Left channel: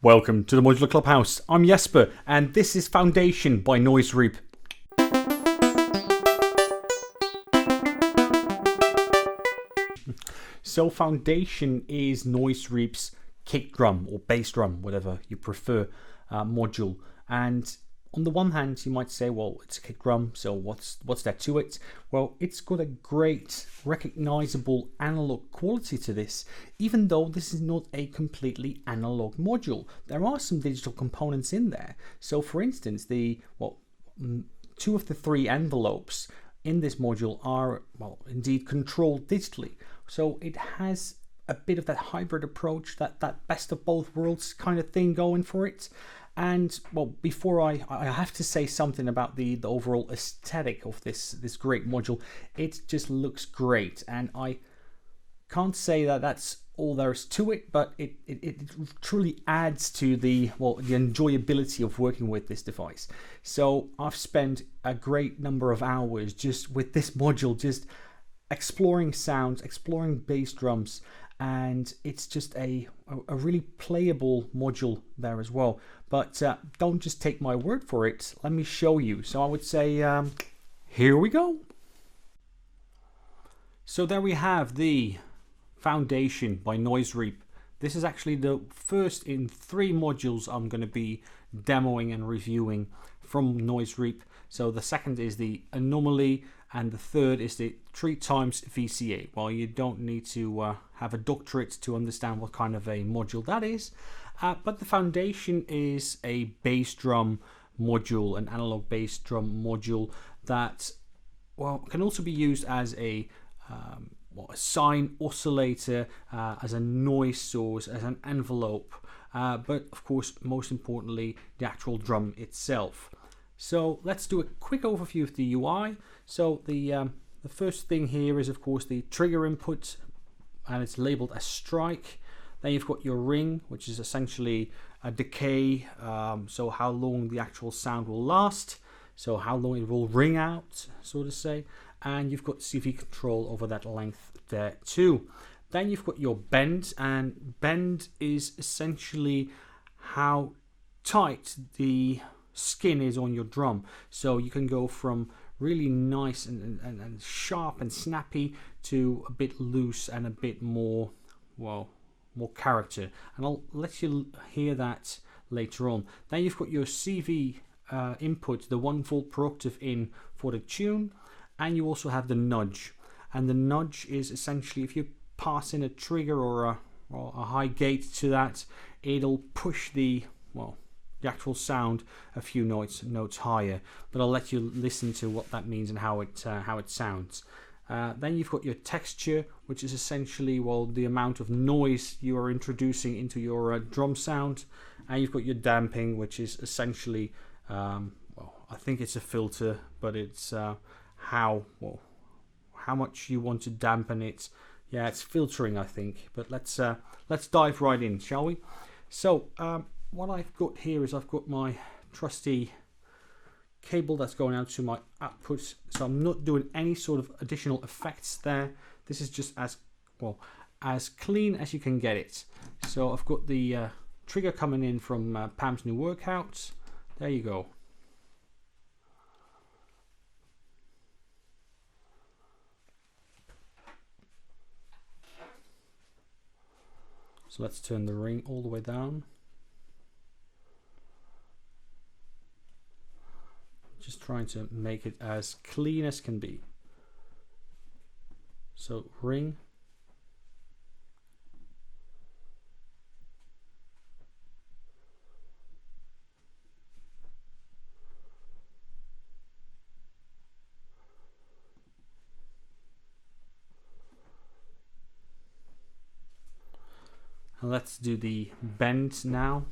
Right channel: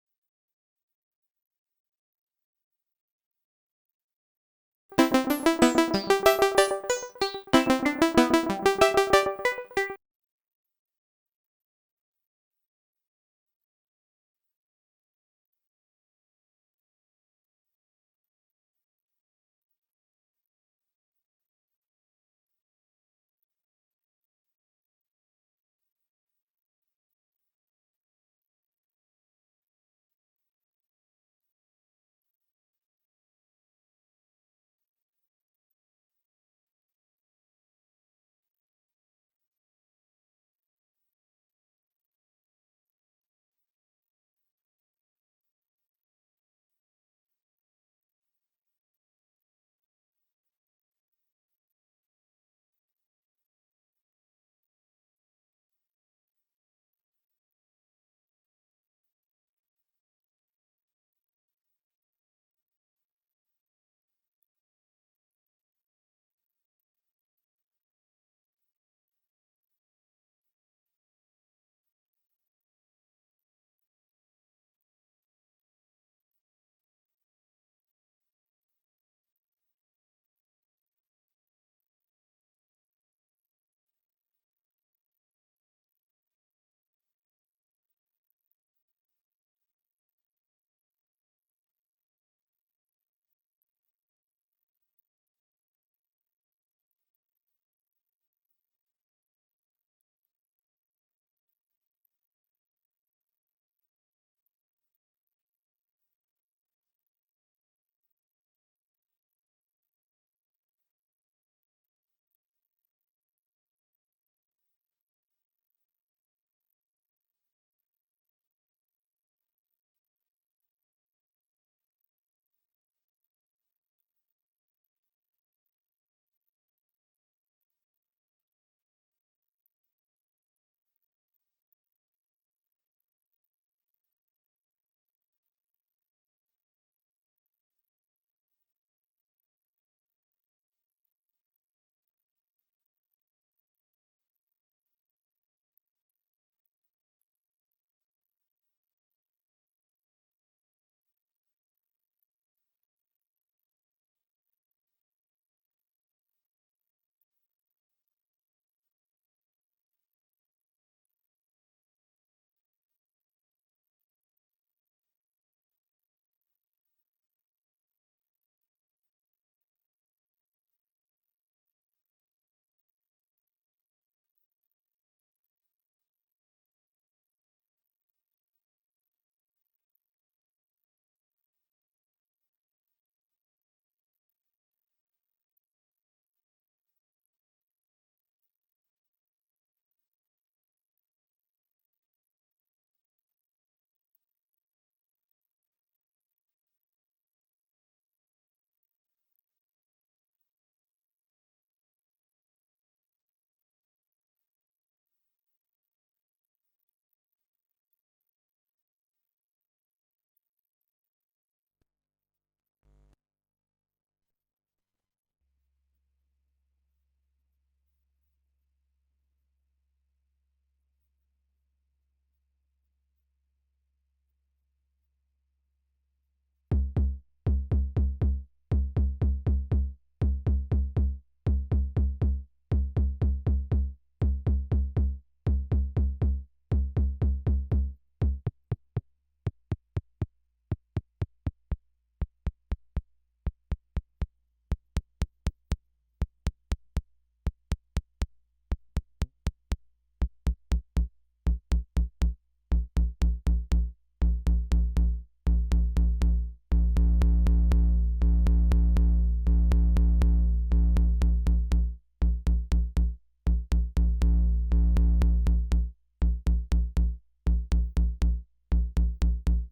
Welcome to the Modular Clubhouse. I'm Jesper, and this is Foundation by Noise Reap. So Foundation is Noise Reap's kick drum or bass drum, whatever you prefer, module. And on the one hand, you might say, well, it's a kick drum, so what's there to it? Well, it's got a great recognizable analog quality to this, even though this is not a completely analog module. There are some digital components in there. So for instance, two of the three envelopes in this module are, well, indeed controlled digitally. So it has a bit of that hybrid approach, that best of both worlds kind of thing going for it. And well, before I have to say something about the overall aesthetic of this great module. It just looks great, and I can't say that that's all there is to it, but it truly adds to the enjoyability of working with this device. So I've spent a great number of hours just with this module, just exploring sounds, exploring bass drums, and it's just a really playable module there as well. But don't just take my word for it. Let me show you. So I would say, here we go. So there we have the Foundation by Noise Reap. This is actually the first in 3 modules I'm going to be demoing and reviewing from Noise Reap. So the second is the Anomaly, and the third is the 3x VCA. Well, you don't need to have a doctorate to understand what kind of a module that is. But the Foundation is a bass drum module, an analog bass drum module that, well, can also be used as a sine oscillator, as a noise source, as an envelope, but of course, most importantly, the actual drum itself. So let's do a quick overview of the UI. So the first thing here is, of course, the trigger input, and it's labeled as strike. Then you've got your ring, which is essentially a decay, so how long the actual sound will last, so how long it will ring out, so to say. And you've got CV control over that length there too. Then you've got your bend, and bend is essentially how tight the skin is on your drum. So you can go from really nice and sharp and snappy to a bit loose and a bit more, well, more character, and I'll let you hear that later on. Then you've got your CV input, the 1 volt per octave in for the tune, and you also have the nudge. And the nudge is essentially if you pass in a trigger or a high gate to that, it'll push the actual sound a few notes higher. But I'll let you listen to what that means and how it sounds. Then you've got your texture, which is essentially, well, the amount of noise you are introducing into your drum sound. And you've got your damping, which is essentially, I think it's a filter, but it's how much you want to dampen it. Yeah, it's filtering, I think. But let's dive right in, shall we? So what I've got here is I've got my trusty cable that's going out to my output, so I'm not doing any sort of additional effects there. This is just as clean as you can get it. So I've got the trigger coming in from Pam's new workout. There you go. So let's turn the ring all the way down. Just trying to make it as clean as can be. So ring. And let's do the bend now.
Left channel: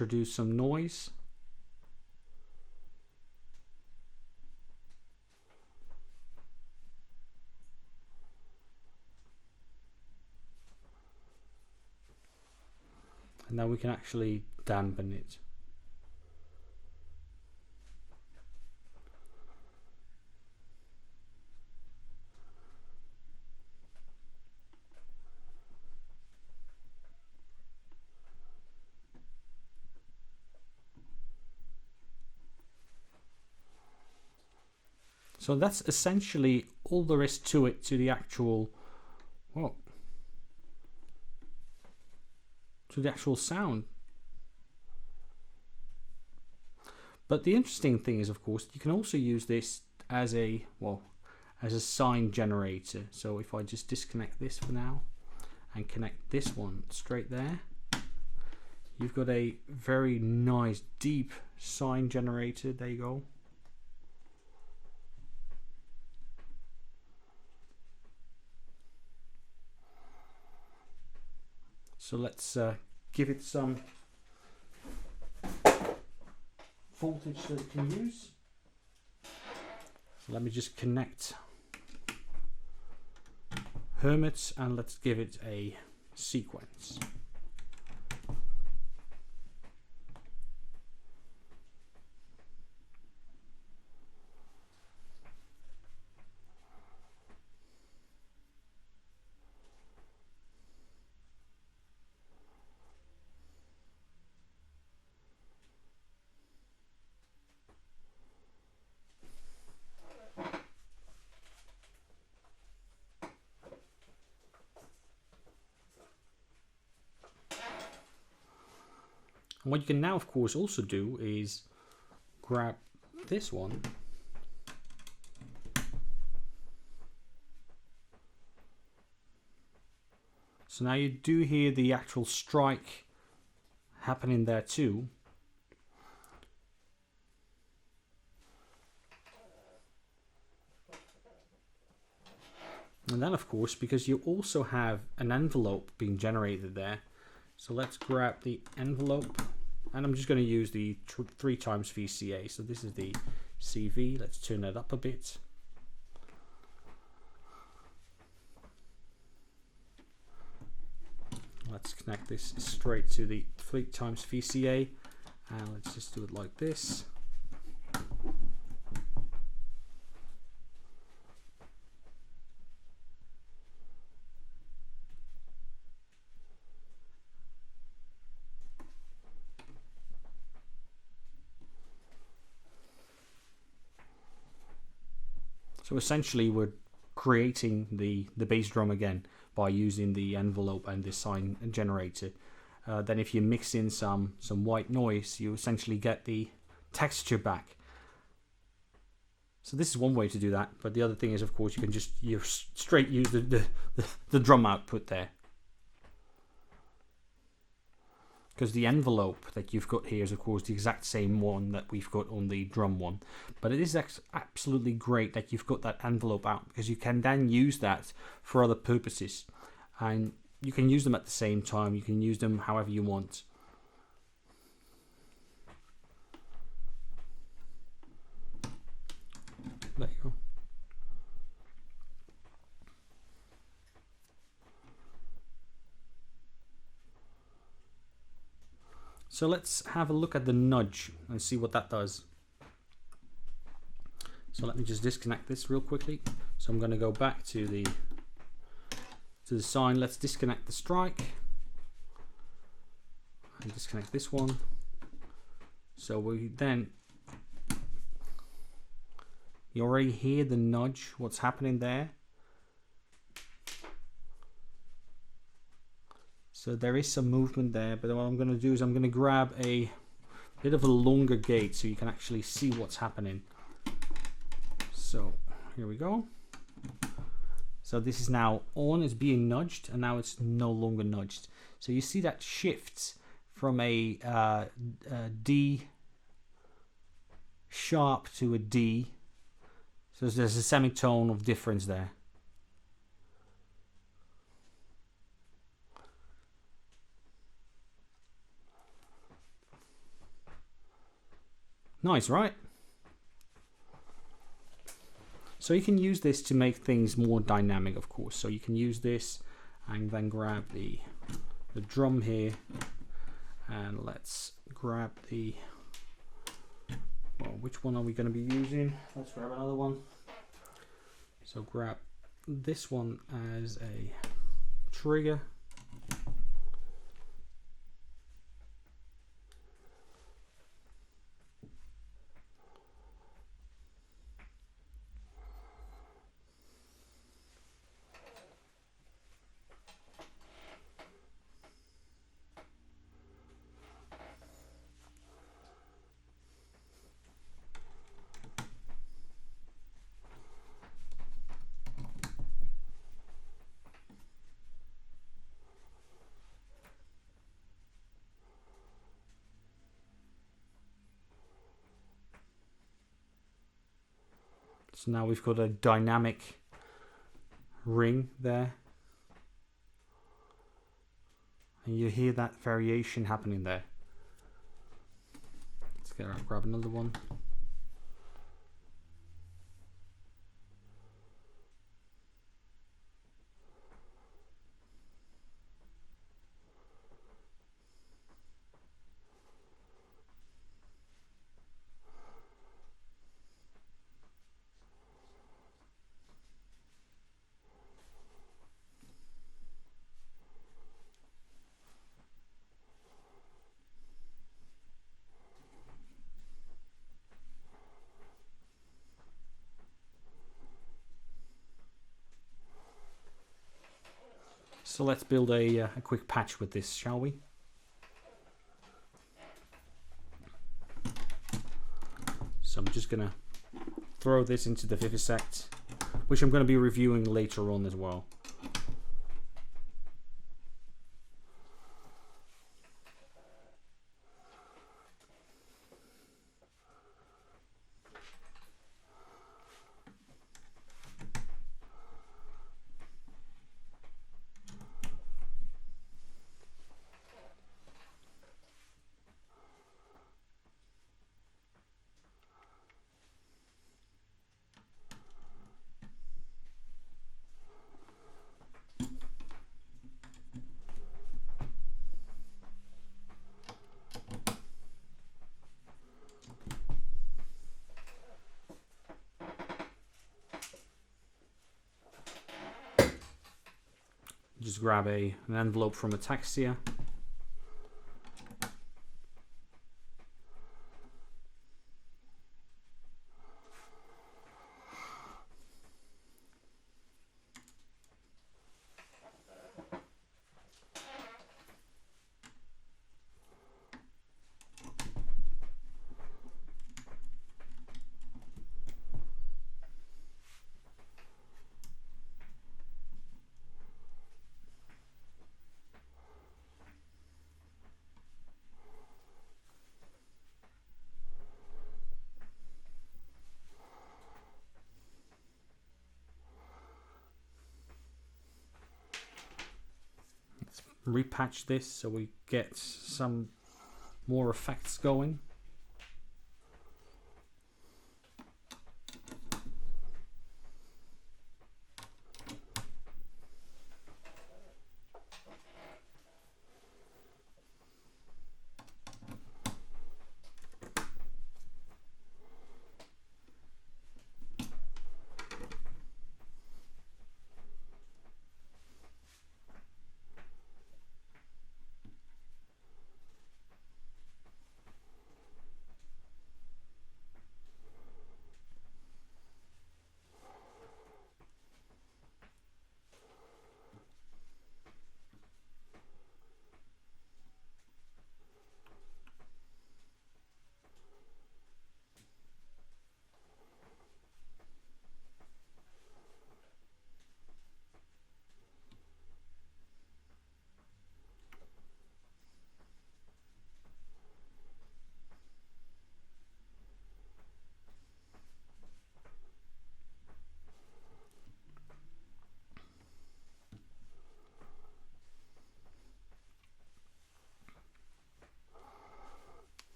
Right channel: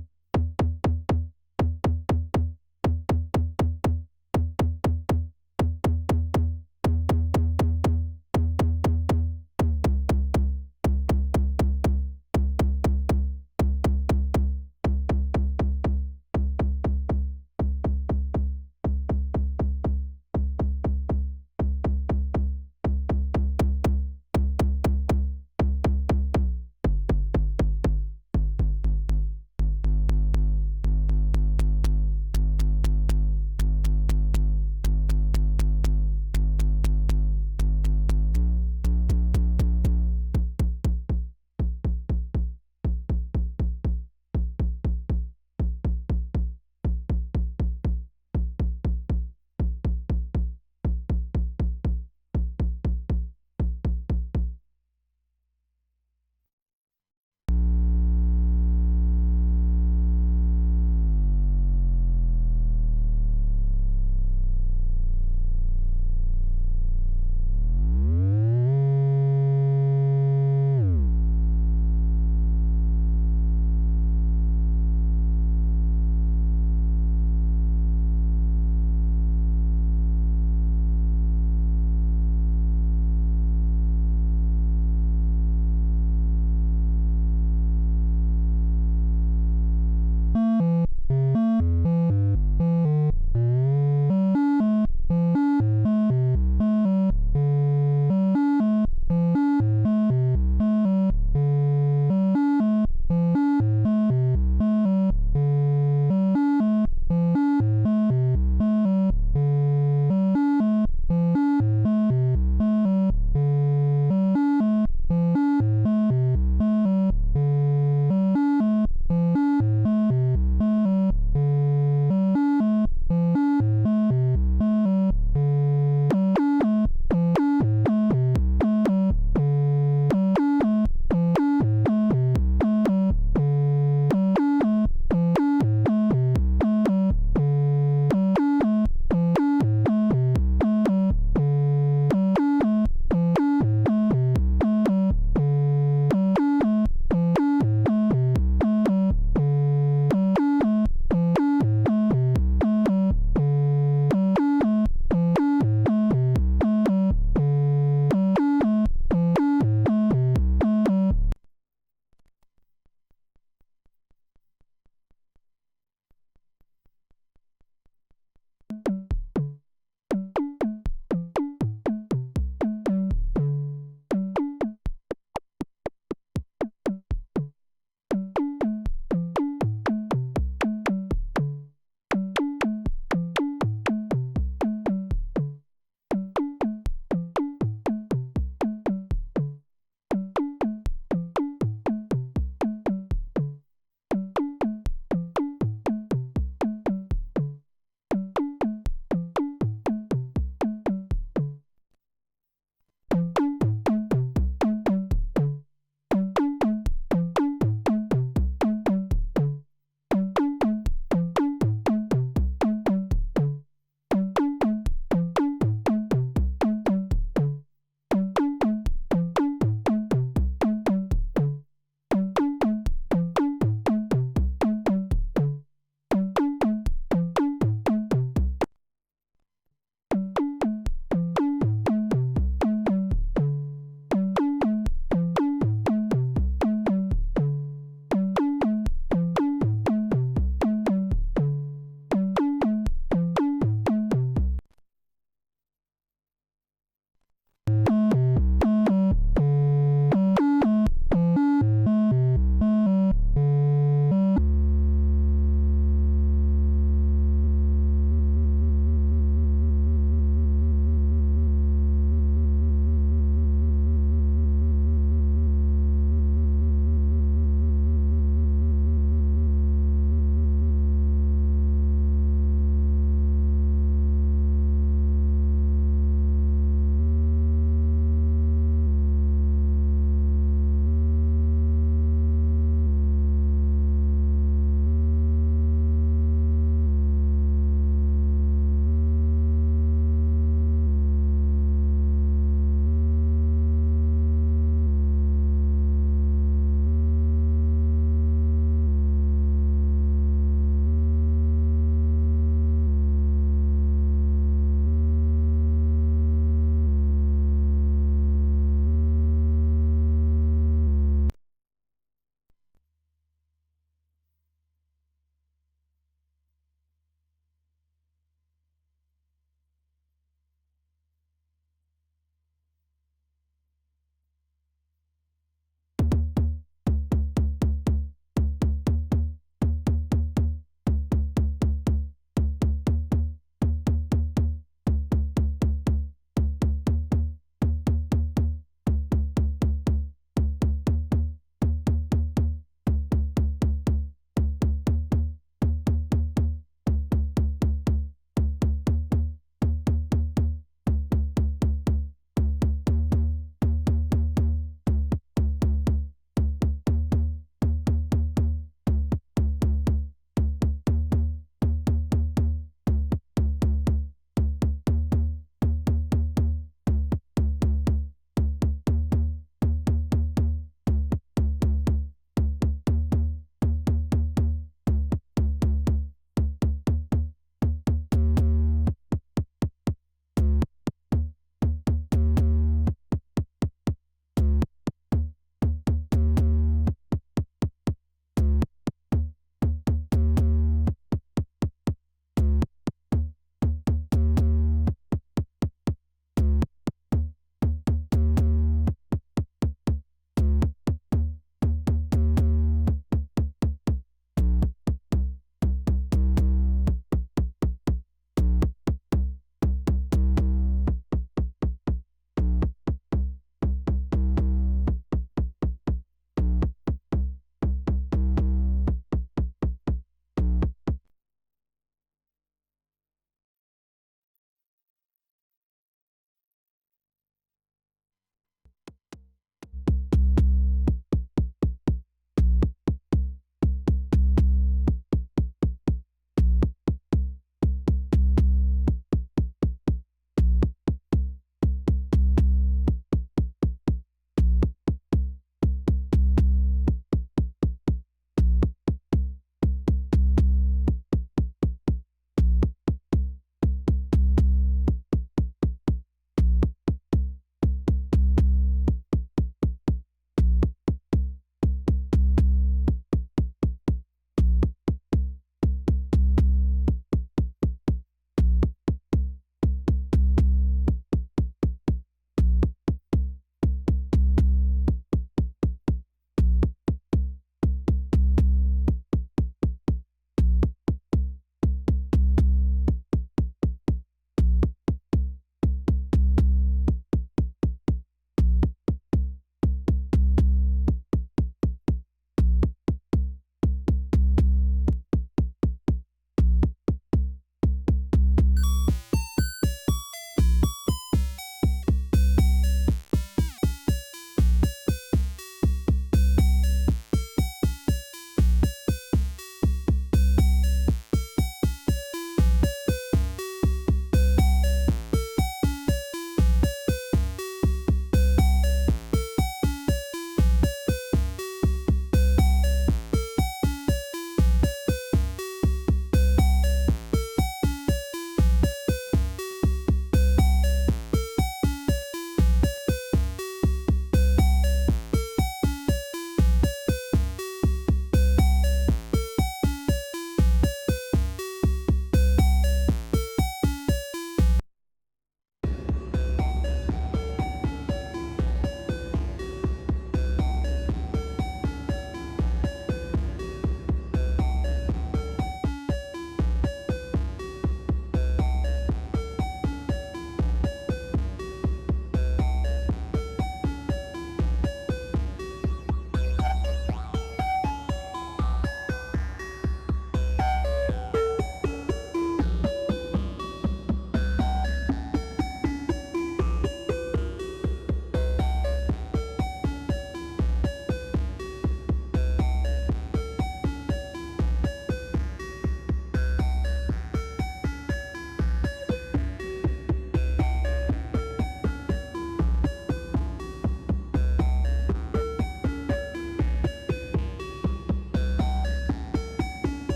introduce some noise. And then we can actually dampen it. So that's essentially all there is to it, to the actual, well, to the actual sound. But the interesting thing is, of course, you can also use this as a, well, as a sine generator. So if I just disconnect this for now and connect this one straight there, you've got a very nice deep sine generator. There you go. So let's give it some voltage that it can use. So let me just connect Hermits and let's give it a sequence. Also do is grab this one so now you do hear the actual strike happening there too. And then of course, because you also have an envelope being generated there, so let's grab the envelope. I'm just going to use the 3 times VCA, so this is the CV. Let's turn it up a bit. Let's connect this straight to the 3 times VCA, and let's just do it like this. So essentially we're creating the bass drum again by using the envelope and the sine generator. Then if you mix in some white noise, you essentially get the texture back. So this is one way to do that, but the other thing is, of course, you can just straight use the drum output there. Because the envelope that you've got here is, of course, the exact same one that we've got on the drum one. But it is absolutely great that you've got that envelope out, because you can then use that for other purposes, and you can use them at the same time. You can use them however you want. There you go. So let's have a look at the nudge and see what that does. So let me just disconnect this real quickly. So I'm going to go back to the sine. Let's disconnect the strike. Disconnect this one. So we then, you already hear the nudge, what's happening there. So there is some movement there, but what I'm going to do is I'm going to grab a bit of a longer gate so you can actually see what's happening. So here we go. So this is now on, it's being nudged, and now it's no longer nudged. So you see that shifts from a D sharp to a D. So there's a semitone of difference there. nice, right? So you can use this to make things more dynamic, of course. So you can use this and then grab the drum here, and let's grab the, well, which one are we going to be using? Let's grab another one. So grab this one as a trigger. So now we've got a dynamic ring there. And you hear that variation happening there. Let's grab another one. So let's build a quick patch with this, shall we? So I'm just gonna throw this into the Vivisect, which I'm going to be reviewing later on as well. Grab an envelope from Ataxia.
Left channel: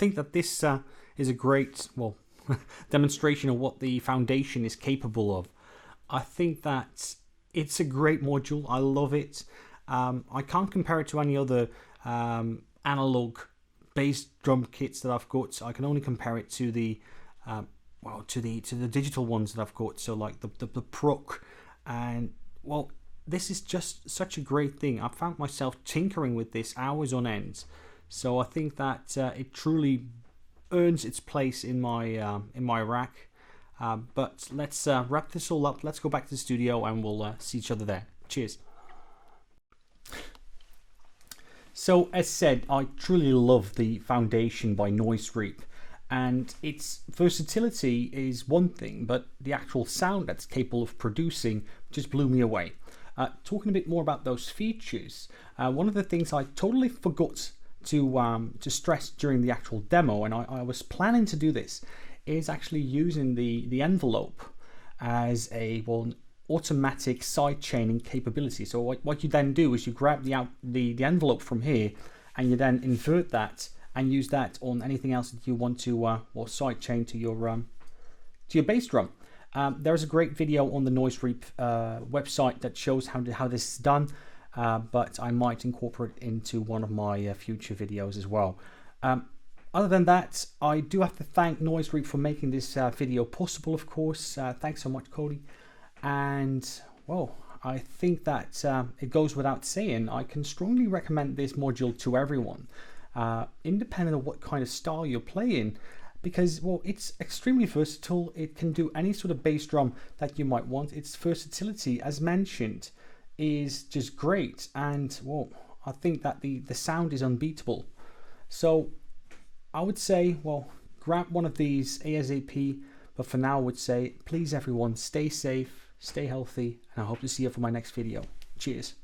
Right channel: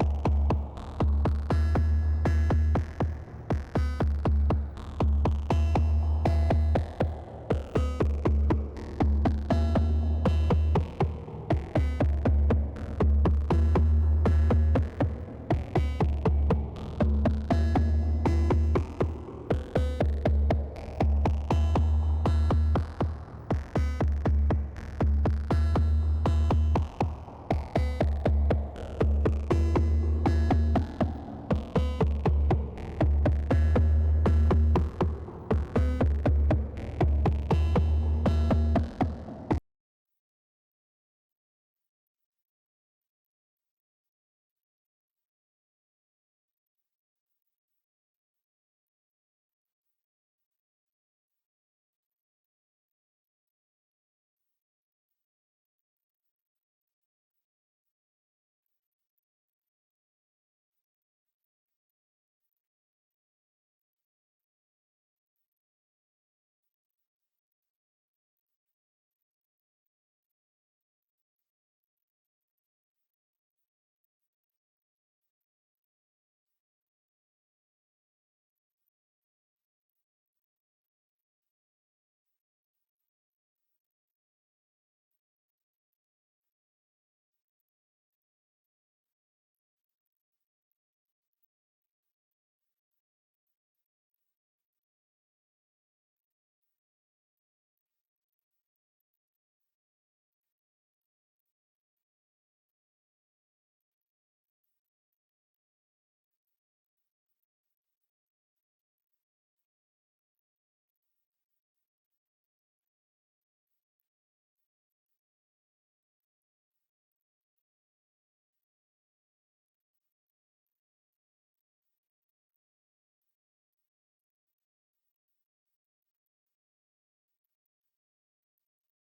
think that this is a great, well, demonstration of what the Foundation is capable of. I think that it's a great module. I love it. I can't compare it to any other analog bass drum kits that I've got. I can only compare it to the to the digital ones that I've got. So like the Proc, and well, this is just such a great thing. I found myself tinkering with this hours on end. So I think that it truly earns its place in my rack. But let's wrap this all up. Let's go back to the studio and we'll see each other there. Cheers. So as said, I truly love the Foundation by Noise Reap, and its versatility is one thing, but the actual sound that's capable of producing just blew me away. Talking a bit more about those features, one of the things I totally forgot to stress during the actual demo, and I was planning to do this, is actually using the envelope as a automatic side chaining capability. So what you then do is you grab the envelope from here, and you then invert that and use that on anything else that you want to side chain to your bass drum. There's a great video on the Noise Reap website that shows how this is done, but I might incorporate it into one of my future videos as well. Other than that, I do have to thank Noise Reap for making this video possible, of course. Thanks so much, Cody. And well, I think that it goes without saying, I can strongly recommend this module to everyone, independent of what kind of style you're playing, because well, it's extremely versatile. It can do any sort of bass drum that you might want. Its versatility, as mentioned, is just great, and well, I think that the sound is unbeatable. So I would say, well, grab one of these ASAP, but for now I would say, please everyone, stay safe, stay healthy, and I hope to see you for my next video. Cheers.